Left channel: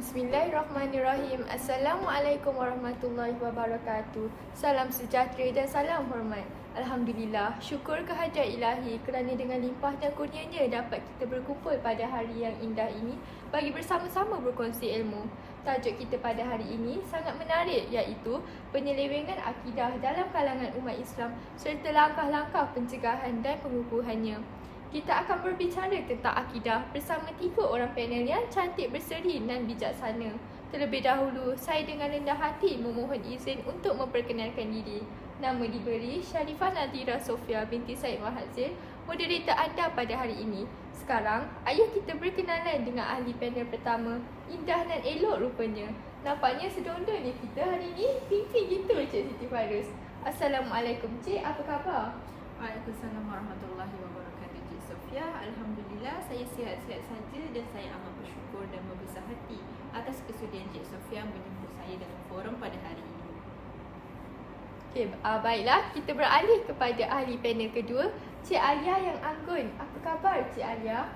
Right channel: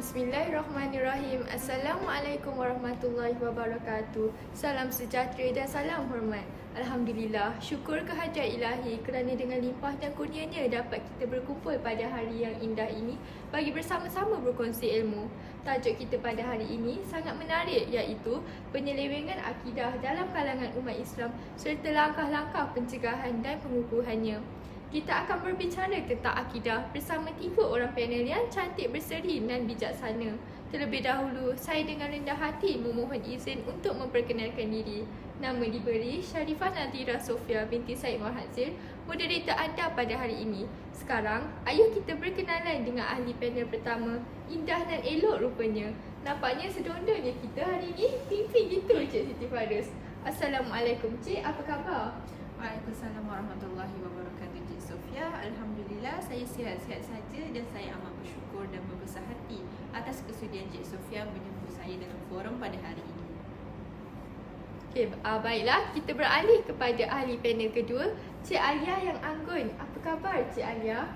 Bismillahirrahmanirrahim. Assalamualaikum warahmatullahi wabarakatuh. Salam sejahtera dan salam hormat. Alhamdulillah, syukur kehadirat ilahi kerana dengan limpah dan kurnianya dapat kita berkumpul pada hari yang indah ini bagi bersama-sama berkongsi ilmu. Tajuk kita pada hari ini sangat menarik, iaitu penyelewengan akidah dalam kalangan umat Islam serta langkah-langkah pencegahan dan pengukuhannya. Kita akan berbicara tentang akidah bersama 3 orang panel yang cantik, berseri dan bijaksana. Terlebih dahulu, saya dengan rendah hati memohon izin untuk memperkenalkan diri. Nama diberi Sharifah Nadira Sofia binti Said Mahadzir, moderator anda pada hari ini. Sekarang, ayuh kita berkenalan dengan ahli panel pertama. Indah dan elok rupanya. Nampaknya sedondonnya kita hari ini. Tinggi gitu Cik Siti Farus. Assalamualaikum Cik, apa khabar? Waalaikumsalam warahmatullahi wabarakatuh, Cik Sofia. Alhamdulillah, saya sihat-sihat saja dan saya amat bersyukur dan berbesar hati atas kesudian Cik Sofia menjemput saya dalam forum pada hari ini. Okay, baiklah, kita beralih kepada ahli panel kedua, Cik Alia yang anggun. Apa khabar Cik Alia?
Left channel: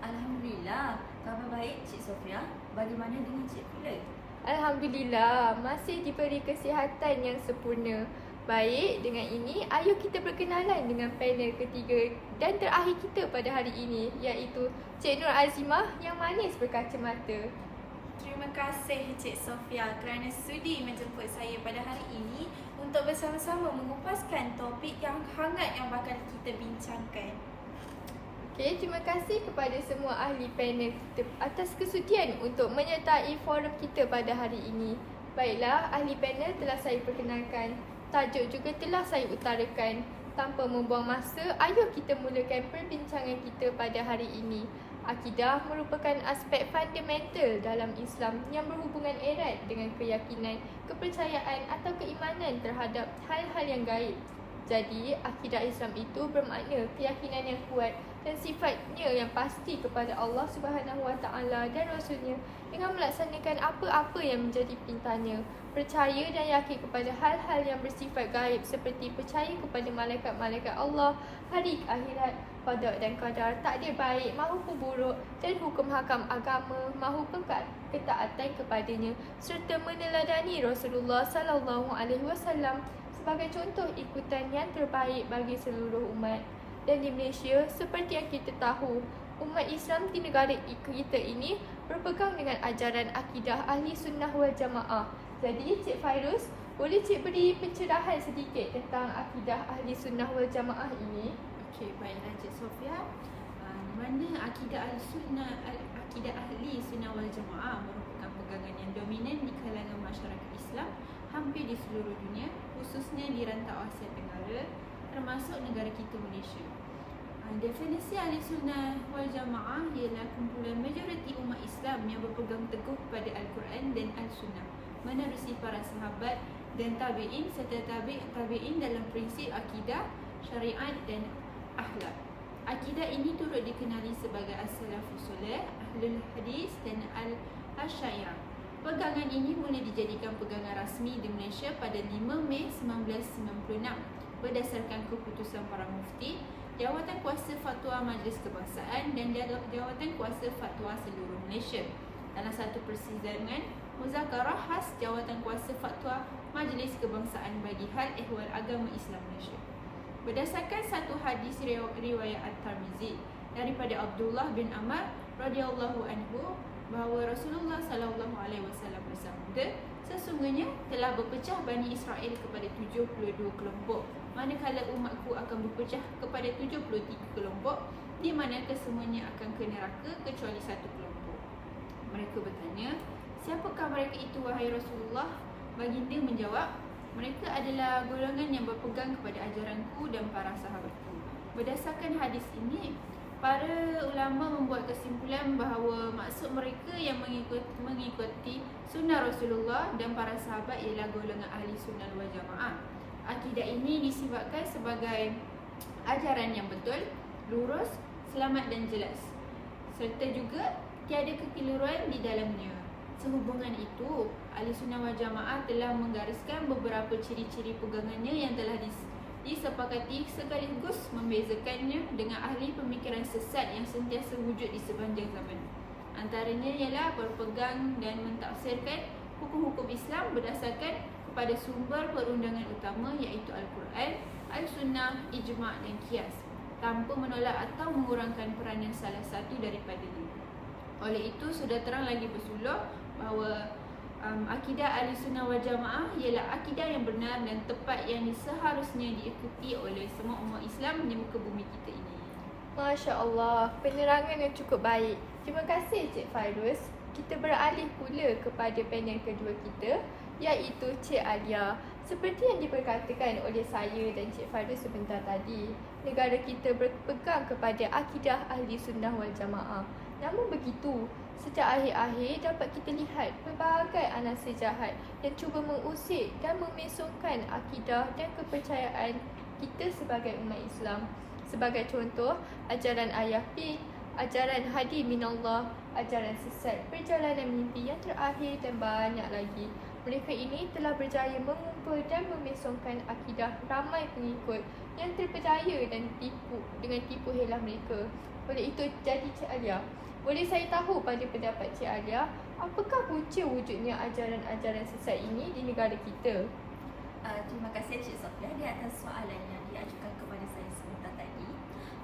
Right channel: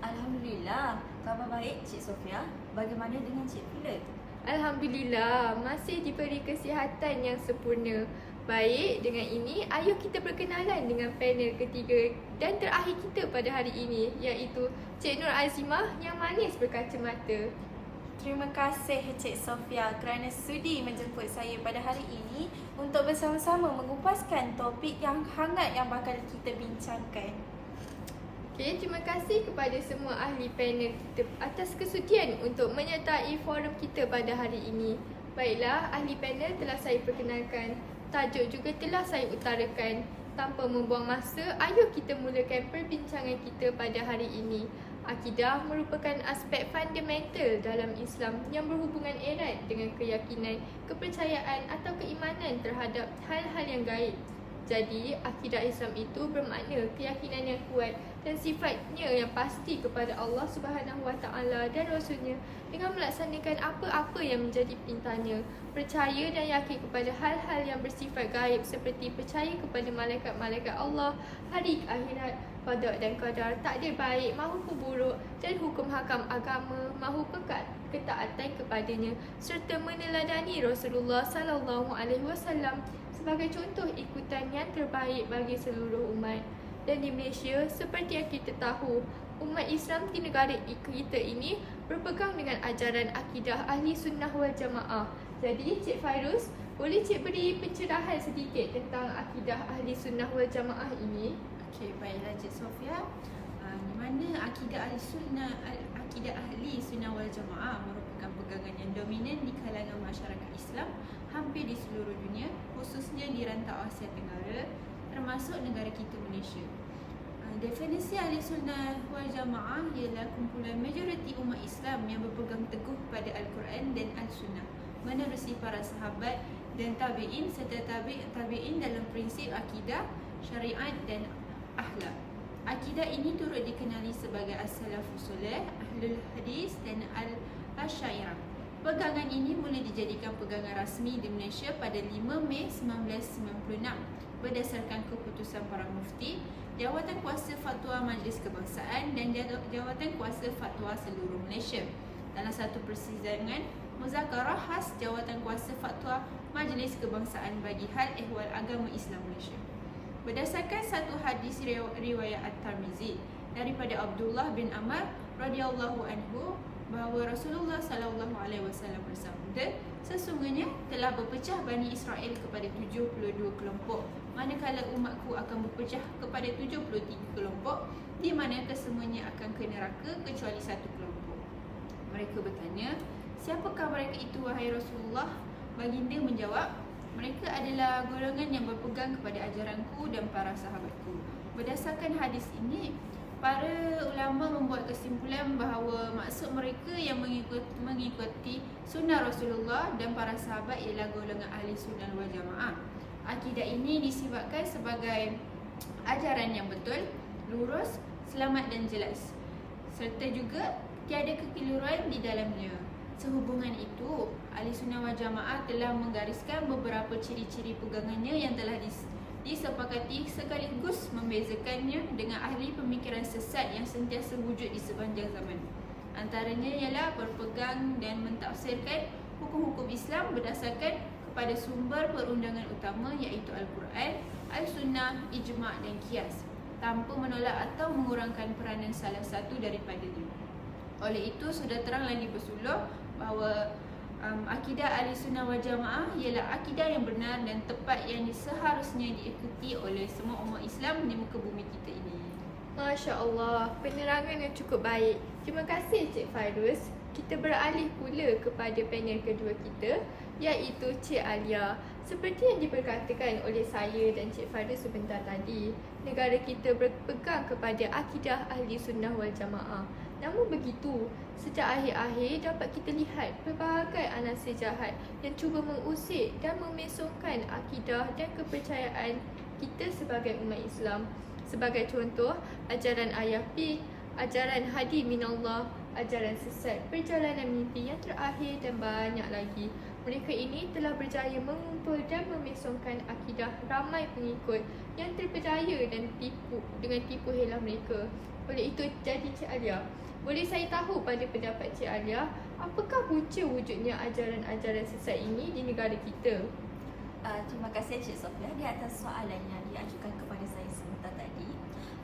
Alhamdulillah, khabar baik Cik Sofia. Bagaimana dengan Cik Philip? Alhamdulillah, masih diberi kesihatan yang sempurna. Baik, dengan ini, ayuh kita berkenalan dengan panel ketiga dan terakhir kita pada hari ini, iaitu Cik Nur Azimah yang manis berkacamata. Terima kasih Cik Sofia kerana sudi menjemput saya pada hari ini untuk bersama-sama mengupaskan topik yang hangat yang bakal kita bincangkan. Okay, terima kasih kepada semua ahli panel kita atas kesudian untuk menyertai forum kita pada hari ini. Baiklah, ahli panel telah saya perkenalkan. Tajuk juga telah saya utarakan. Tanpa membuang masa, ayuh kita mulakan perbincangan kita pada hari ini. Akidah merupakan aspek fundamental dalam Islam yang berhubungan erat dengan keyakinan, kepercayaan atau keimanan terhadap hal-hal yang gaib. Jadi, akidah Islam itu bermakna keyakinan yang kuat dan sifatnya yang pasti kepada Allah SWT dan Rasulnya dengan melaksanakan apa-apa yang menjadi perintahnya. Percaya dan yakin kepada hal-hal yang bersifat gaib seperti percaya kepada malaikat-malaikat Allah, hari akhirat, qada dan qadar, takdir baik maupun buruk dan hukum hakam agama maupun ketaatan kepadanya, serta meneladani Rasulullah SAW sebagai contoh ikutan yang terbaik bagi seluruh umat. Dan di Malaysia, seperti yang kita tahu, umat Islam di negara kita ini berpegang dengan ajaran akidah ahli sunnah wal jamaah. Jadi Cik Fairuz, boleh Cik beri pencerahan sedikit tentang akidah ahli sunnah wal jamaah ini? Okey, baiklah Cik Sofia. Di mana akidah ahli sunnah wal jamaah merupakan pegangan yang dominan di kalangan masyarakat Islam hampir di seluruh dunia, khususnya di rantau Asia Tenggara, termasuk negara kita Malaysia. Definisi ahli sunnah wal jamaah ialah kumpulan majoriti umat Islam yang berpegang teguh pada Al-Quran dan Al-Sunnah, menerusi para sahabat dan tabi'in serta tabi'in dalam prinsip akidah, syariat dan akhlak. Akidah ini turut dikenali sebagai As-Salafus Soleh, Ahlul Hadis dan Al-Asyairah. Pegangan ini mula dijadikan pegangan rasmi di Malaysia pada 5 Mei 1996 berdasarkan keputusan para mufti, Jawatan Kuasa Fatwa Majlis Kebangsaan dan Jawatan Kuasa Fatwa seluruh Malaysia dalam satu persidangan muzakarah khas Jawatan Kuasa Fatwa Majlis Kebangsaan bagi hal ehwal agama Islam Malaysia. Berdasarkan satu hadis riwayat At-Tirmizi daripada Abdullah bin Amr radhiyallahu anhu bahawa Rasulullah sallallahu alaihi wasallam bersabda, sesungguhnya telah berpecah Bani Israel kepada 72 kelompok, manakala umatku akan berpecah kepada 73 kelompok, di mana kesemuanya akan ke neraka kecuali satu kelompok. Mereka bertanya, siapakah mereka itu wahai Rasulullah? Baginda menjawab, mereka adalah golongan yang berpegang kepada ajaranku dan para sahabatku. Berdasarkan hadis ini, para ulama membuat kesimpulan bahawa maksud mereka yang mengikuti sunnah Rasulullah dan para sahabat ialah golongan ahli sunnah wal jamaah. Akidah ini disifatkan sebagai ajaran yang betul, lurus, selamat dan jelas, serta juga tiada kekeliruan di dalamnya. Sehubungan itu, ahli sunnah wal jamaah telah menggariskan beberapa ciri-ciri pegangannya yang telah disepakati sekaligus membezakannya dengan ahli pemikiran sesat yang sentiasa wujud di sepanjang zaman. Antaranya ialah berpegang dan mentafsirkan hukum-hukum Islam berdasarkan kepada sumber perundangan utama iaitu Al-Quran, Al-Sunnah, Ijma' dan Qiyas tanpa menolak atau mengurangkan peranan salah satu daripadanya. Oleh itu, sudah terang lagi bersuluh bahawa akidah Ahlussunnah wal Jamaah ialah akidah yang benar dan tepat yang seharusnya diikuti oleh semua umat Islam di muka bumi kita ini. Masya Allah, penerangan yang cukup baik. Terima kasih Cik Fairuz. Kita beralih pula kepada panel kedua kita, iaitu Cik Alia. Seperti yang diperkatakan oleh saya dan Cik Fairuz sebentar tadi, negara kita berpegang kepada akidah Ahli Sunnah wal Jamaah. Namun begitu, sejak akhir-akhir dapat kita lihat pelbagai anasir jahat yang cuba mengusik dan memesongkan akidah dan kepercayaan kita sebagai umat Islam. Sebagai contoh, ajaran ayah Pin, ajaran hadi minallah, ajaran sesat, perjalanan mimpi yang terakhir dan banyak lagi. Mereka ini telah berjaya mengumpul dan memesongkan akidah ramai pengikut yang terpercaya dan tipu dengan tipu helah mereka. Oleh itu, jadi Cik Alia, boleh saya tahu pada pendapat Cik Alia, apakah punca wujudnya ajaran-ajaran sesat ini di negara kita? Terima kasih Cik Sofia di atas soalan yang diajukan kepada saya sebentar tadi.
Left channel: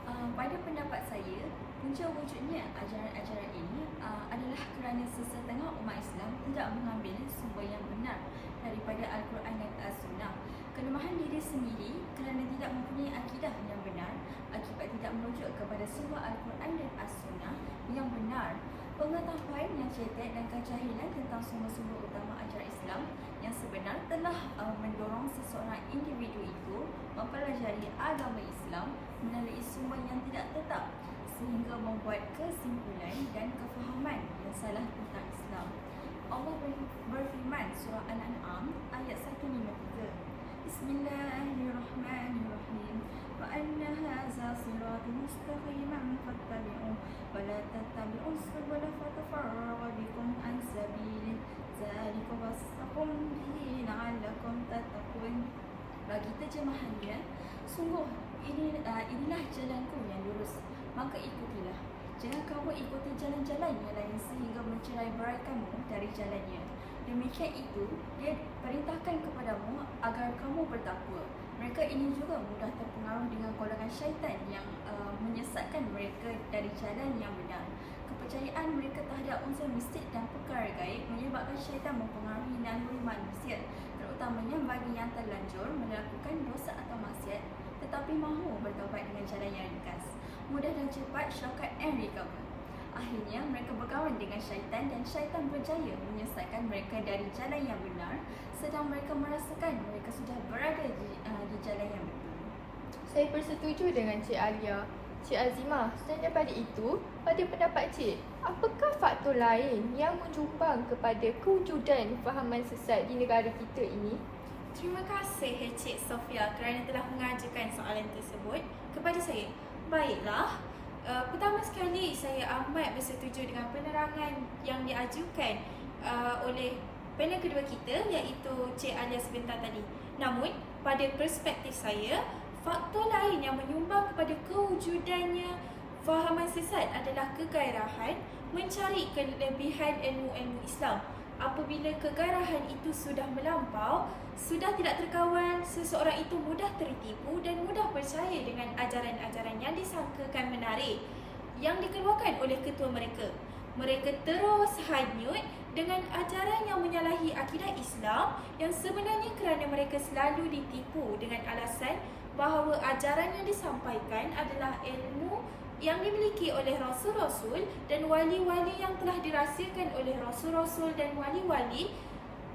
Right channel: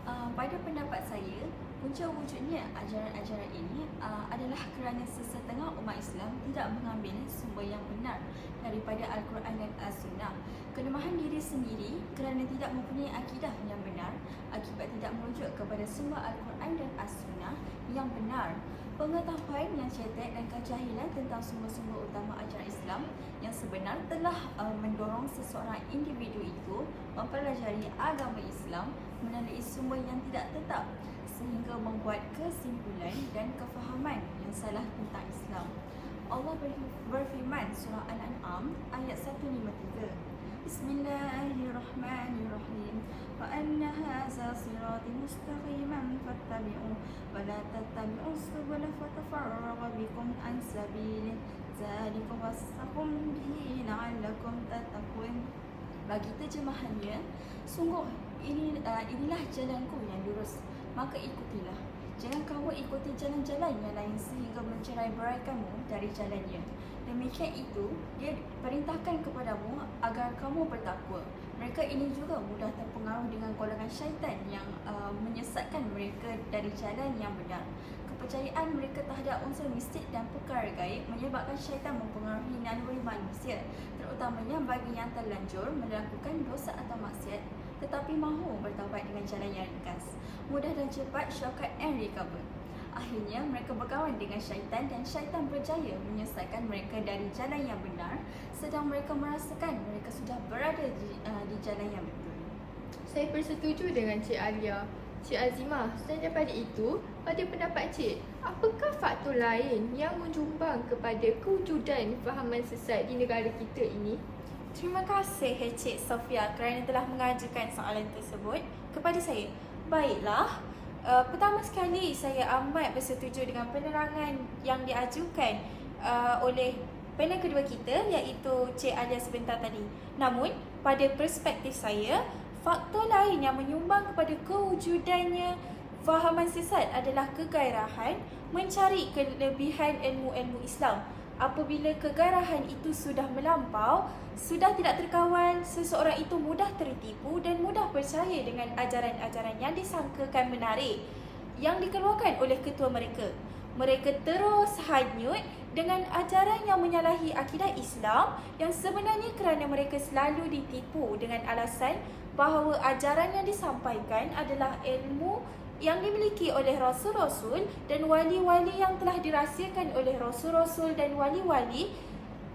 Pada pendapat saya, punca wujudnya ajaran-ajaran ini adalah kerana sesetengah umat Islam tidak mengambil sumber yang benar daripada Al-Quran dan As-Sunnah. Kelemahan diri sendiri kerana tidak mempunyai akidah yang benar akibat tidak merujuk kepada sumber Al-Quran dan As-Sunnah yang benar. Pengetahuan yang cetek dan kejahilan tentang sumber-sumber utama ajaran Islam yang sebenar telah mendorong seseorang individu itu mempelajari agama Islam melalui sumber yang tidak tetap sehingga membuat kesimpulan dan kefahaman yang salah tentang Islam. Allah berfirman surah Al-An'am ayat 153. Bismillahirrahmanirrahim. Wa anna hadza sirati mustaqiman fattabi'uhu wa la tattabi'us subula fatafarraqa bikum an sabilihi dzalika wasaqum bihi la'allakum tattaqun. Bagi terjemahannya, sungguh inilah jalanku yang lurus, maka ikutilah. Jangan kamu ikuti jalan-jalan yang lain sehingga mencerai beraikanmu dari jalannya. Demikian itu, dia perintahkan kepadamu agar kamu bertakwa. Mereka ini juga mudah terpengaruh dengan golongan syaitan yang menyesatkan mereka dari jalan yang benar. Kepercayaan mereka terhadap unsur mistik dan perkara gaib menyebabkan syaitan mempengaruhi naluri manusia, terutamanya bagi yang terlanjur melakukan dosa atau maksiat tetapi mahu bertaubat dengan jalan yang ringkas, mudah dan cepat, shortcut and recover. Akhirnya mereka berkawan dengan syaitan dan syaitan berjaya menyesatkan mereka dari jalan yang benar sedang mereka merasakan mereka sudah berada di jalan yang betul. Saya bersetuju dengan Cik Alia. Cik Azimah, selain daripada itu, pada pendapat Cik, apakah faktor lain yang menyumbang kepada kewujudan fahaman sesat di negara kita ini? Terima kasih Cik Sofia kerana telah mengajukan soalan tersebut kepada saya. Baiklah, pertama sekali saya amat bersetuju dengan penerangan yang diajukan oleh panel kedua kita iaitu Cik Alia sebentar tadi. Namun, pada perspektif saya, faktor lain yang menyumbang kepada kewujudannya fahaman sesat adalah kegairahan mencari kelebihan ilmu-ilmu Islam. Apabila kegairahan itu sudah melampau, sudah tidak terkawal, seseorang itu mudah tertipu dan mudah percaya dengan ajaran-ajaran yang disangkakan menarik yang dikeluarkan oleh ketua mereka. Mereka terus hanyut dengan ajaran yang menyalahi akidah Islam yang sebenarnya kerana mereka selalu ditipu dengan alasan bahawa ajaran yang disampaikan adalah ilmu yang dimiliki oleh rasul-rasul dan wali-wali yang telah dirahsiakan oleh rasul-rasul dan wali-wali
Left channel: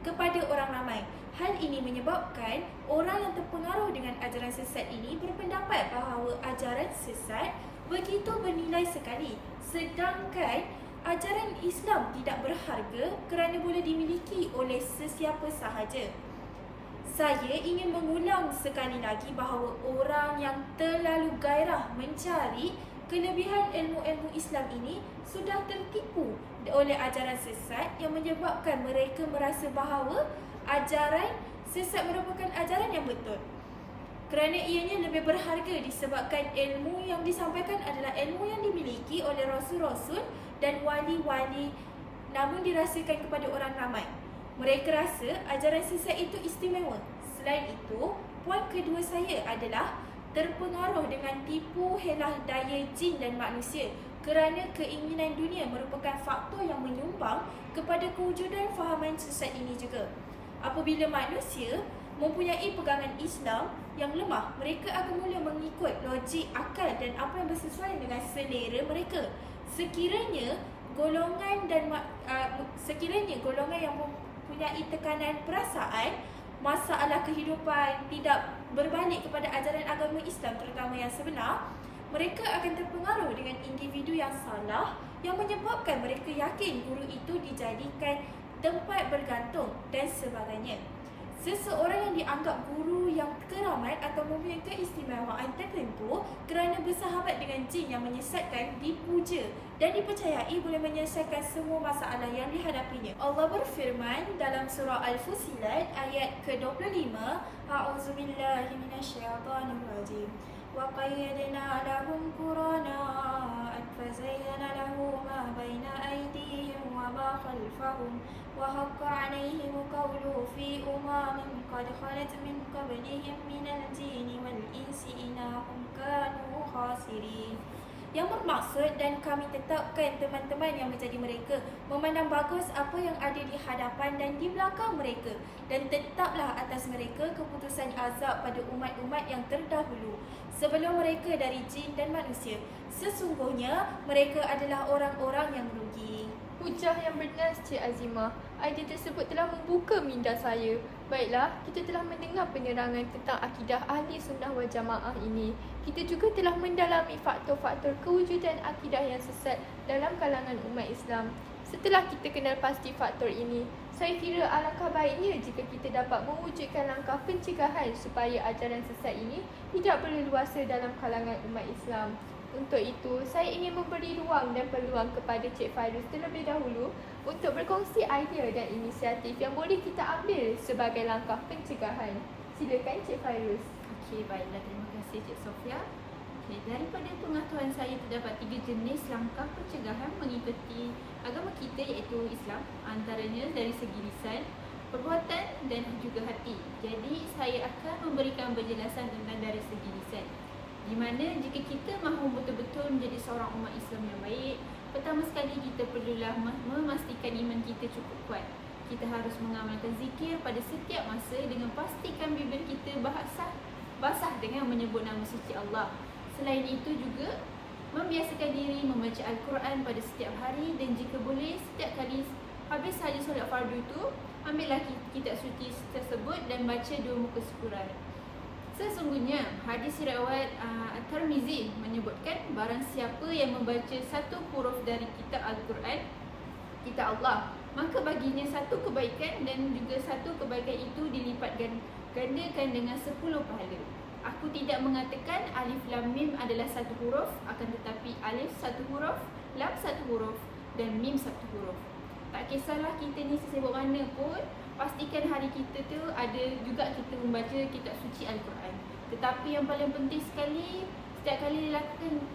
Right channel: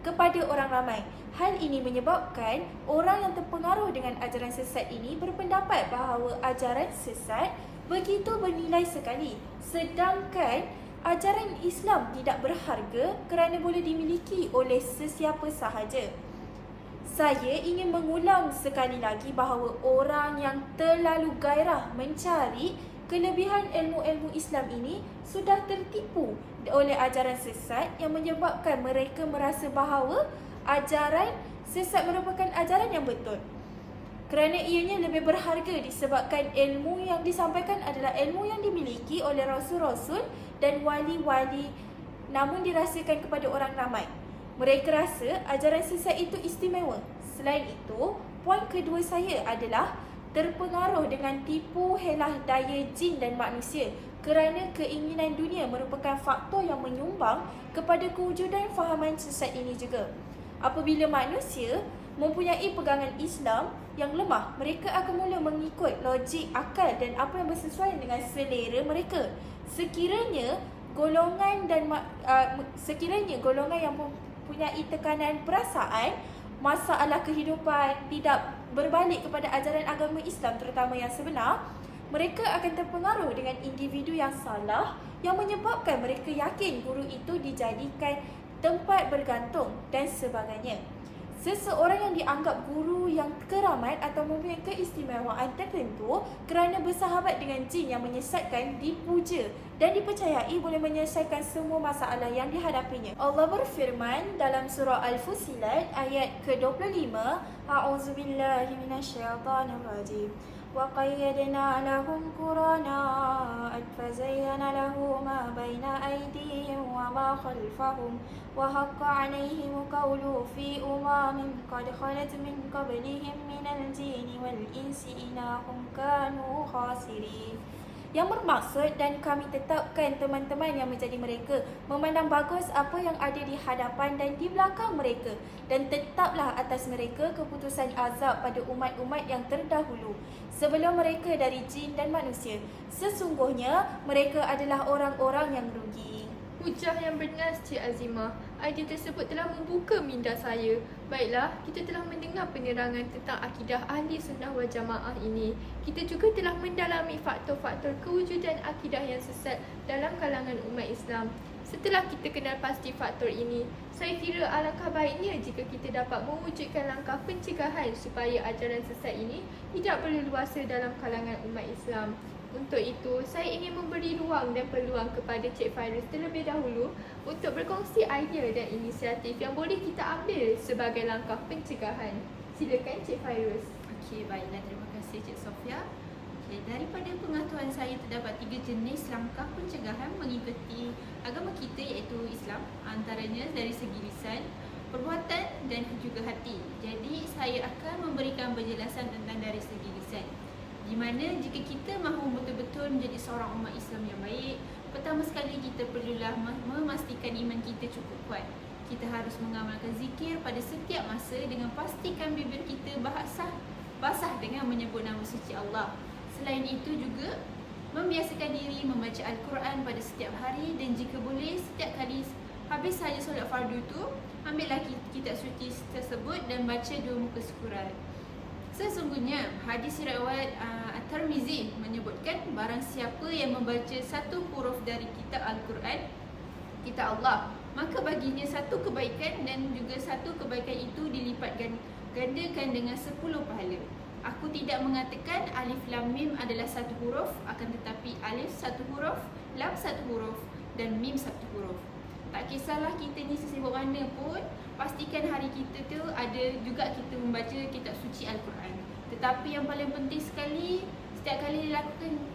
kepada orang ramai. Hal ini menyebabkan orang yang terpengaruh dengan ajaran sesat ini berpendapat bahawa ajaran sesat begitu bernilai sekali, sedangkan ajaran Islam tidak berharga kerana boleh dimiliki oleh sesiapa sahaja. Saya ingin mengulang sekali lagi bahawa orang yang terlalu gairah mencari kelebihan ilmu-ilmu Islam ini sudah tertipu oleh ajaran sesat yang menyebabkan mereka merasa bahawa ajaran sesat merupakan ajaran yang betul. kerana ianya lebih berharga disebabkan ilmu yang disampaikan adalah ilmu yang dimiliki oleh rasul-rasul dan wali-wali, namun dirasakan kepada orang ramai. Mereka rasa ajaran sesat itu istimewa. Selain itu, poin kedua saya adalah terpengaruh dengan tipu helah daya jin dan manusia, kerana keinginan dunia merupakan faktor yang menyumbang kepada kewujudan fahaman sesat ini juga. Apabila manusia mempunyai pegangan Islam yang lemah, mereka akan mula mengikut logik, akal dan apa yang bersesuaian dengan selera mereka. Sekiranya golongan yang mempunyai tekanan perasaan, masalah kehidupan tidak berbalik kepada ajaran agama Islam terutama yang sebenar, mereka akan terpengaruh dengan individu yang salah yang menyebabkan mereka yakin guru itu dijadikan tempat bergantung dan sebagainya. Seseorang yang dianggap guru yang keramat atau mempunyai keistimewaan tertentu kerana bersahabat dengan jin yang menyesatkan dipuja dan dipercayai boleh menyelesaikan semua masalah yang dihadapinya. Allah berfirman dalam surah Al-Fussilat ayat ke-25, A'udzubillahi minasyaitonirrajim. وَقَيَّدْنَا لَهُمْ قُرَنَاءَ فَزَيَّنَ لَهُم مَا بَيْنَ أَيْدِيهِمْ وَمَا خَلْفَهُمْ وَحَقَّ عَلَيْهِمُ الْقَوْلُ فِي أُمَمٍ قَدْ خَلَتْ مِنْ قَبْلِهِمْ مِنَ الْجِنِّ وَالْإِنسِ إِنَّهُمْ كَانُوا خَاسِرِينَ. Yang bermaksud, dan kami tetapkan teman-teman yang menjadi mereka memandang bagus apa yang ada di hadapan dan di belakang mereka, dan tetaplah atas mereka keputusan azab pada umat-umat yang terdahulu sebelum mereka dari jin dan manusia. Sesungguhnya mereka adalah orang-orang yang rugi. Hujah yang benar, Cik Azimah. Idea tersebut telah membuka minda saya. Baiklah, kita telah mendengar penerangan tentang akidah ahli sunnah wal jamaah ini. Kita juga telah mendalami faktor-faktor kewujudan akidah yang sesat dalam kalangan umat Islam. Setelah kita kenal pasti faktor ini, saya kira alangkah baiknya jika kita dapat mewujudkan langkah pencegahan supaya ajaran sesat ini tidak berleluasa dalam kalangan umat Islam. Untuk itu, saya ingin memberi ruang dan peluang kepada Cik Fairuz terlebih dahulu untuk berkongsi idea dan inisiatif yang boleh kita ambil sebagai langkah pencegahan. Silakan Cik Fairuz. Okey, baiklah, terima kasih Cik Sofia. Okey, daripada pengetahuan saya terdapat 3 jenis langkah pencegahan mengikuti agama kita iaitu Islam, antaranya dari segi lisan, perbuatan dan juga hati. Jadi saya akan memberikan penjelasan tentang dari segi lisan, di mana jika kita mahu betul-betul menjadi seorang umat Islam yang baik, pertama sekali kita perlulah memastikan iman kita cukup kuat. Kita harus mengamalkan zikir pada setiap masa dengan pastikan bibir kita basah dengan menyebut nama suci Allah. Selain itu juga membiasakan diri membaca Al-Quran pada setiap hari, dan jika boleh setiap kali habis saja solat fardu tu, ambillah kitab suci tersebut dan baca 2 muka surat. Sesungguhnya hadis riwayat At-Tirmizi menyebutkan barang siapa yang membaca 1 huruf dari kitab Al-Quran, kitab Allah, maka baginya 1 kebaikan, dan juga 1 kebaikan itu dilipat gandakan dengan 10 pahala. Aku tidak mengatakan alif lam mim adalah 1 huruf, akan tetapi alif 1 huruf, lam 1 huruf dan mim 1 huruf. Tak kisahlah kita ni sesibuk mana pun, pastikan hari kita tu ada juga kita membaca kitab suci Al-Quran. Tetapi yang paling penting sekali, setiap kali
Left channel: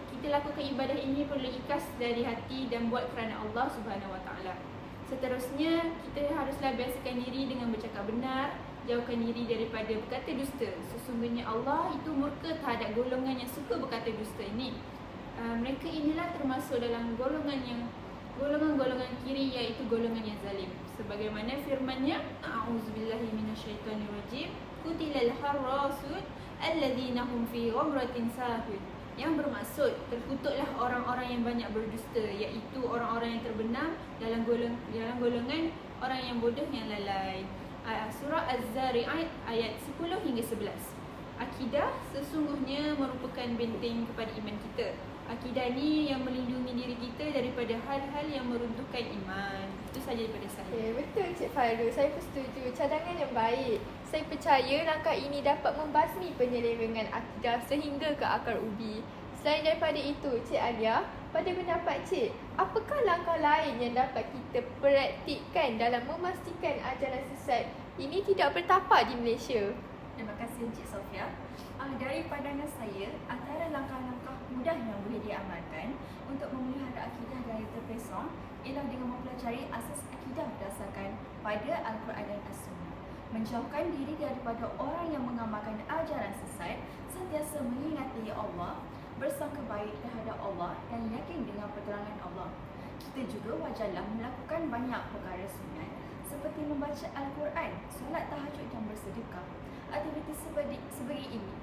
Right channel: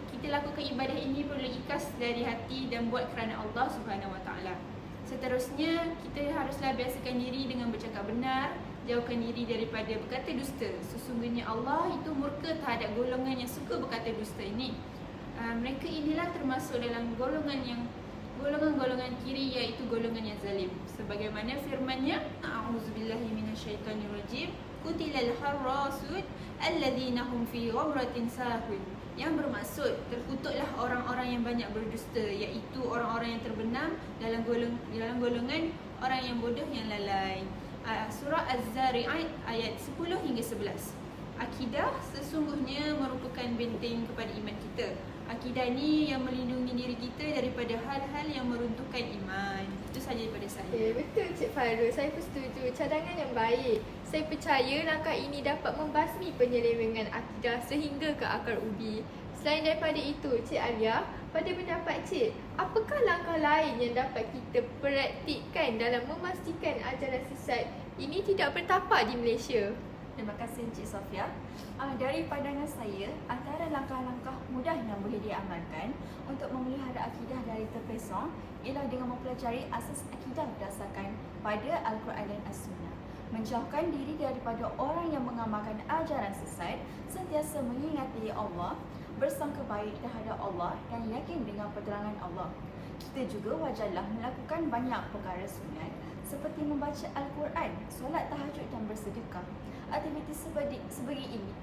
kita lakukan ibadah ini perlu ikhlas dari hati dan buat kerana Allah Subhanahu Wa Taala. Seterusnya, kita haruslah biasakan diri dengan bercakap benar, jauhkan diri daripada berkata dusta. Sesungguhnya Allah itu murka terhadap golongan yang suka berkata dusta ini. Mereka inilah termasuk dalam golongan kiri, iaitu golongan yang zalim. Sebagaimana firman-Nya, A'udzubillahi minasyaitonirrajim, Qutilal harrasud alladzina hum fi ghamratin sahun. Yang bermaksud terkutuklah orang-orang yang banyak berdusta, iaitu orang-orang yang terbenam dalam golongan orang yang bodoh yang lalai. Surah Az-Zari'at ayat 10 hingga 11. Akidah sesungguhnya merupakan benteng kepada iman kita. Akidah ni yang melindungi diri kita daripada hal-hal yang meruntuhkan iman. Itu sahaja daripada saya. Okay, betul Cik Fairuz, saya setuju. Cadangan yang baik. Saya percaya langkah ini dapat membasmi penyelewengan akidah sehingga ke akar ubi. Selain daripada itu, Cik Alia, pada pendapat Cik, apakah langkah lain yang dapat kita praktikkan dalam memastikan ajaran sesat ini tidak bertapak di Malaysia? Terima kasih Encik Sofia. Dari pandangan saya, antara langkah-langkah mudah yang boleh diamalkan untuk memelihara akidah dari terpesong ialah dengan mempelajari asas akidah berdasarkan pada Al-Quran dan As-Sunnah. Menjauhkan diri daripada orang yang mengamalkan ajaran sesat, sentiasa mengingati Allah, bersangka baik terhadap Allah dan yakin dengan pertolongan Allah. Kita juga wajarlah melakukan banyak perkara sunat seperti membaca Al-Quran, solat tahajud dan bersedekah. Aktiviti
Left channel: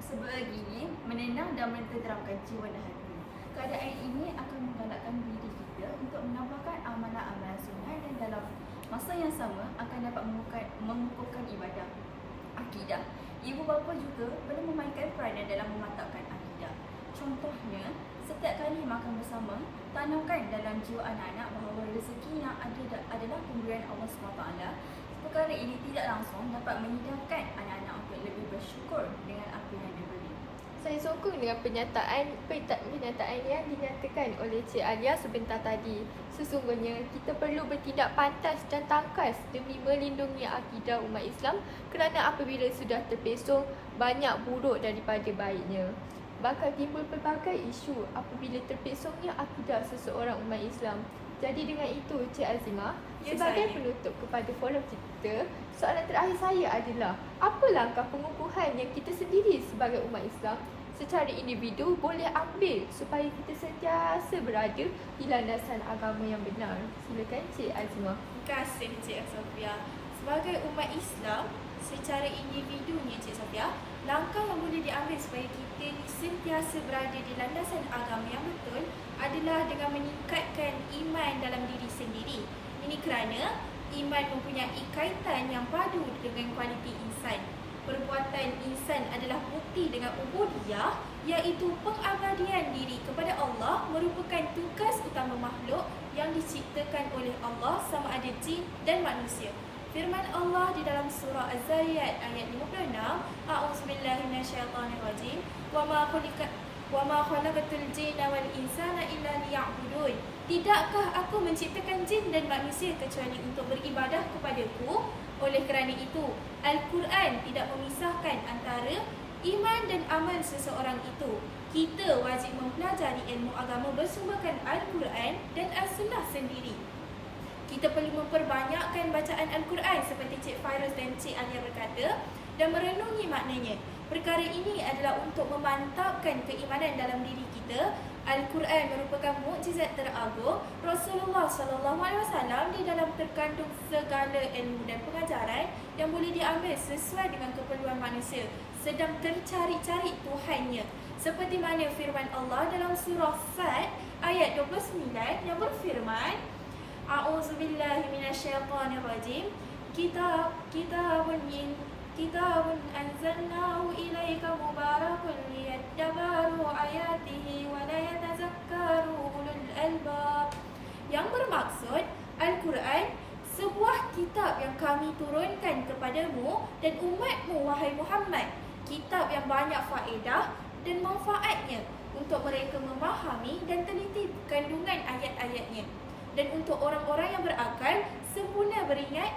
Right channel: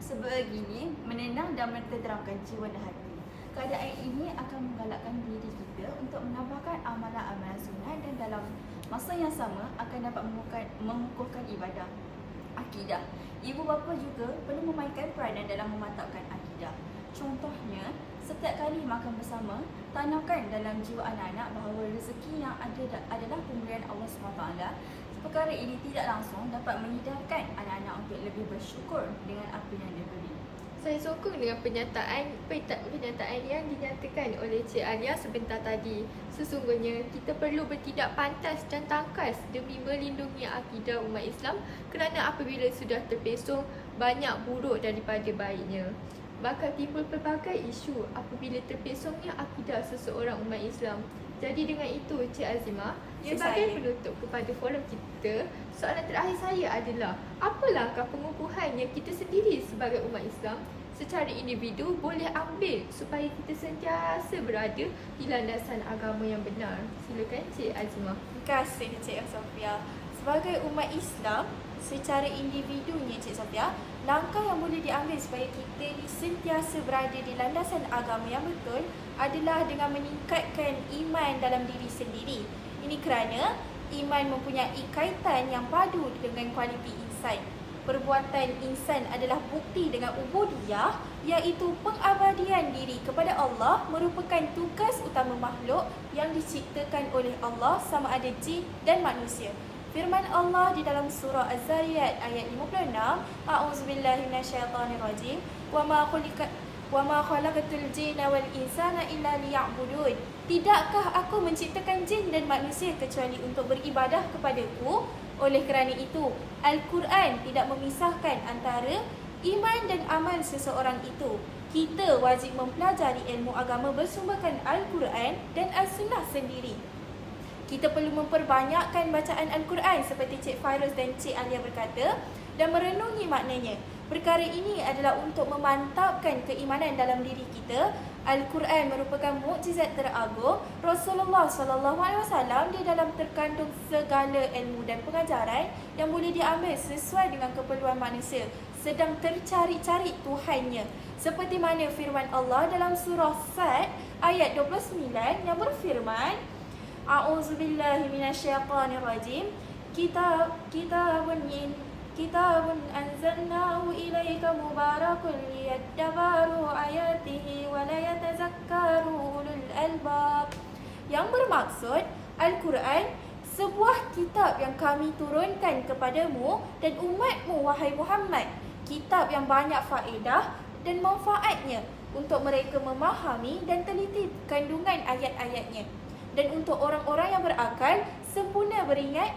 sebegini menenang dan menenteramkan jiwa dan hati. Keadaan ini akan menggalakkan diri kita untuk menambahkan amalan-amalan sunat dan dalam masa yang sama akan dapat mengukuhkan ibadah akidah. Ibu bapa juga perlu memainkan peranan dalam memantapkan akidah. Contohnya, setiap kali makan bersama, tanamkan dalam jiwa anak-anak bahawa rezeki yang ada adalah pemberian Allah SWT. Perkara ini tidak langsung dapat menghidangkan anak-anak untuk lebih bersyukur dengan apa yang diberi. Saya sokong dengan pernyataan yang dinyatakan oleh Cik Alia sebentar tadi. Sesungguhnya kita perlu bertindak pantas dan tangkas demi melindungi akidah umat Islam kerana apabila sudah terpesong, banyak buruk daripada baiknya. Bakal timbul pelbagai isu apabila terpesongnya akidah seseorang umat Islam. Jadi dengan itu, Cik Azimah, sebagai penutup kepada forum kita, soalan terakhir saya adalah, apa langkah pengukuhan yang kita sendiri sebagai umat Islam secara individu boleh ambil supaya kita sentiasa berada di landasan agama yang benar? Silakan Cik Azimah. Terima kasih Cik Sofia. Sebagai umat Islam, secara individunya Cik Sofia, langkah yang boleh diambil supaya kita sentiasa berada di landasan agama yang betul adalah dengan meningkatkan iman dalam diri sendiri. Ini kerana iman mempunyai kaitan yang padu dengan kualiti insan. Perbuatan insan adalah bukti dengan ubudiyah, iaitu pengabdian diri kepada Allah merupakan tugas utama makhluk yang diciptakan oleh Allah sama ada jin dan manusia. Firman Allah di dalam surah Az-Zariyat ayat 56, A'udzubillahi minasyaitonirrajim, wa ma khalaqatul jinna wal insana illa liya'budun. Tidakkah aku menciptakan jin dan manusia kecuali untuk beribadah kepadaku? Oleh kerana itu, Al-Quran tidak memisahkan antara iman dan amal seseorang itu. Kita wajib mempelajari ilmu agama bersumberkan Al-Quran dan As-Sunnah sendiri. Kita perlu memperbanyakkan bacaan Al-Quran seperti Cik Fairuz dan Cik Alia berkata dan merenungi maknanya. Perkara ini adalah untuk memantapkan keimanan dalam diri kita. Al-Quran merupakan mukjizat teragung Rasulullah SAW. Di dalam terkandung segala ilmu dan pengajaran yang boleh diambil sesuai dengan keperluan manusia sedang tercari-cari Tuhannya. Seperti mana firman Allah dalam surah Sad ayat 29 yang berfirman, A'udzubillahi minasyaitonirrajim. Kitabun anzalnahu ilaika mubarakun liyadabbaru ayatihi wa la yatazakkaru ulul albab. Yang bermaksud, Al-Quran sebuah kitab yang kami turunkan kepadamu dan umatmu wahai Muhammad. Kitab yang banyak faedah dan manfaatnya untuk mereka memahami dan teliti kandungan ayat-ayatnya. Dan untuk orang-orang yang berakal, sempurna beringat,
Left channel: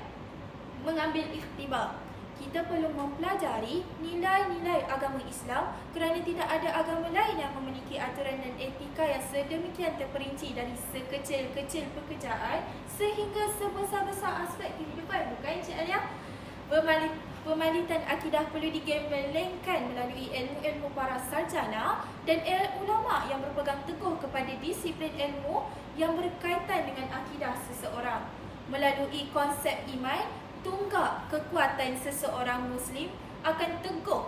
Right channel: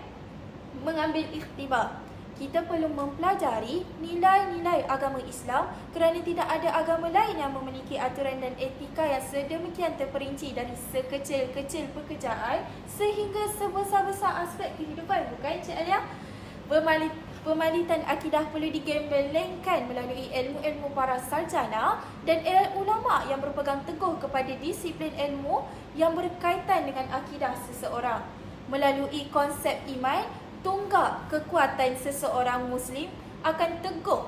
mengambil iktibar. Kita perlu mempelajari nilai-nilai agama Islam kerana tidak ada agama lain yang memiliki aturan dan etika yang sedemikian terperinci dari sekecil-kecil pekerjaan sehingga sebesar-besar aspek kehidupan. Bukan Cik Alia? Pemalitan akidah perlu digembelengkan melalui ilmu-ilmu para sarjana dan ulama yang berpegang teguh kepada disiplin ilmu yang berkaitan dengan akidah seseorang. Melalui konsep iman, tunggak kekuatan seseorang Muslim akan teguh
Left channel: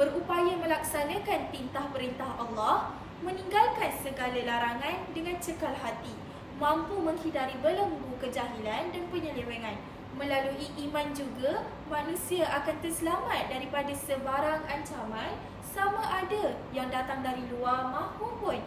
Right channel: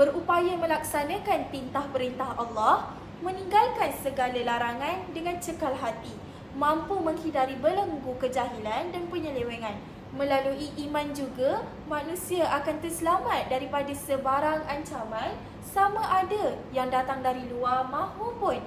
berupaya melaksanakan tintah perintah Allah, meninggalkan segala larangan dengan cekal hati, mampu menghindari belenggu kejahilan dan penyelewengan. Melalui iman juga, manusia akan terselamat daripada sebarang ancaman sama ada yang datang dari luar maupun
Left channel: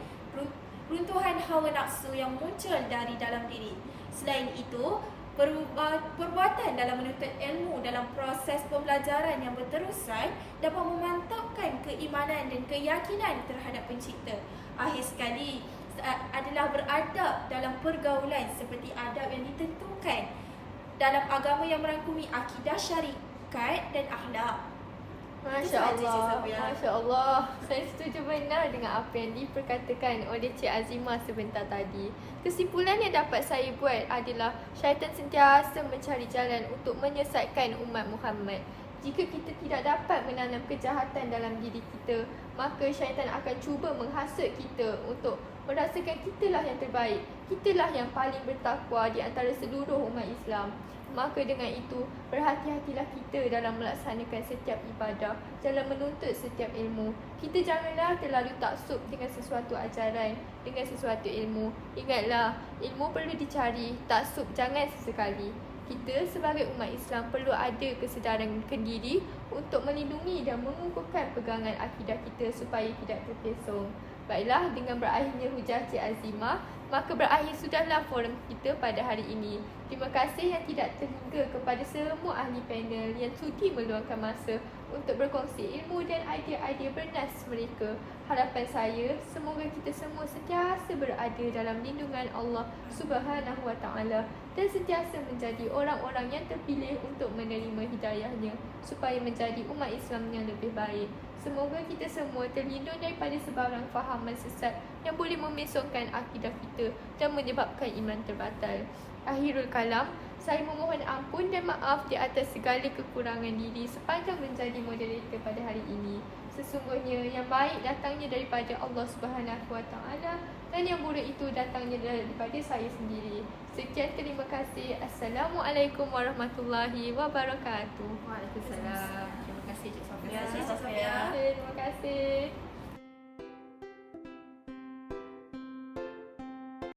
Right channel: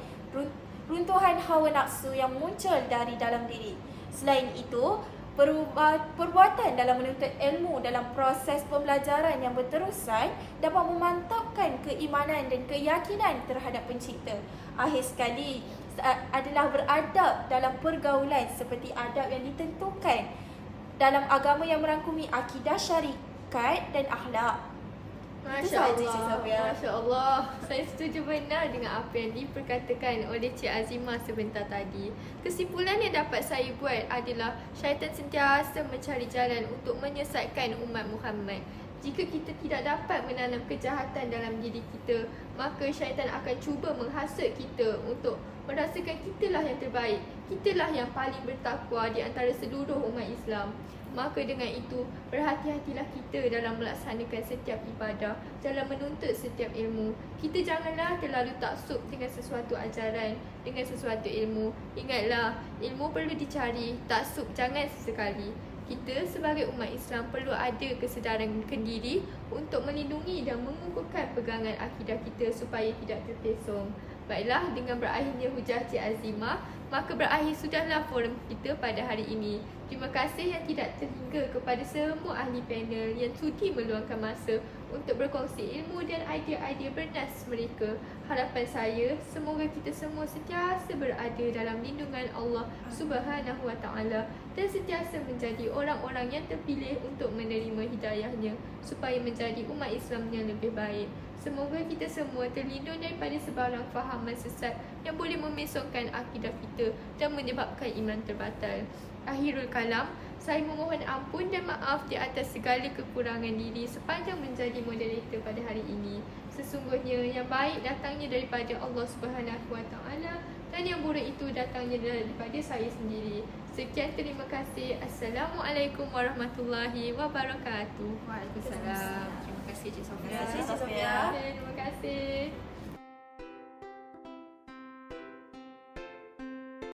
runtuhan hawa nafsu yang muncul dari dalam diri. Selain itu, perbuatan dalam menuntut ilmu dalam proses pembelajaran yang berterusan dapat memantapkan keimanan dan keyakinan terhadap pencipta. Akhir sekali adalah beradab dalam pergaulan seperti adab yang ditentukan dalam agama yang merangkumi akidah, syarikat dan akhlak. Masya sahaja, Cik Allah, Sofia. Masya Allah. Saya setuju benar dengan apa yang diperkatakan oleh Cik Azimah sebentar tadi. Kesimpulan yang dapat saya buat adalah syaitan sentiasa mencari jalan untuk menyesatkan umat Muhammad. Jika kita tidak dapat menanam kejahatan dalam diri kita, maka syaitan akan cuba menghasut kita untuk merasakan kitalah yang terbaik, kitalah yang paling bertakwa di antara seluruh umat Islam. Maka dengan itu, berhati-hatilah kita dalam melaksanakan setiap ibadah, dalam menuntut setiap ilmu. Kita janganlah terlalu taksub dengan sesuatu ajaran, dengan sesuatu ilmu. Ingatlah, ilmu perlu dicari, taksub jangan sesekali. Kita sebagai umat Islam perlu ada kesedaran kendiri untuk melindungi dan mengukuhkan pegangan akidah kita supaya tidak terpesong. Baiklah, dengan berakhirnya hujah Cik Azimah, maka berakhir sudahlah forum kita pada hari ini. Terima kasih yang tidak terhingga kepada semua ahli panel yang sudi meluangkan masa untuk berkongsi ilmu dan idea-idea bernas mereka. Harapan saya, semoga kita semua sentiasa berada dalam lindungan Allah Subhanahu Wa Taala dan sentiasa menjadi orang-orang yang terpilih untuk menerima hidayahnya supaya menjadi umat Islam yang lebih baik. Semoga kita semua terlindung daripada sebarang fahaman sesat yang boleh memesongkan akidah kita dan menyebabkan iman terbatal. Akhirul kalam, saya memohon ampun dan maaf di atas segala kekurangan diri sepanjang menjadi moderator pada hari ini. Sesungguhnya yang baik datangnya daripada Allah Subhanahu Wa Taala dan yang buruk itu datangnya daripada saya sendiri. Sekian, terima kasih. Assalamualaikum warahmatullahi wabarakatuh. Waalaikumsalam. Terima kasih Cik Sofia. Terima kasih, Cik Sofia. Terima kasih.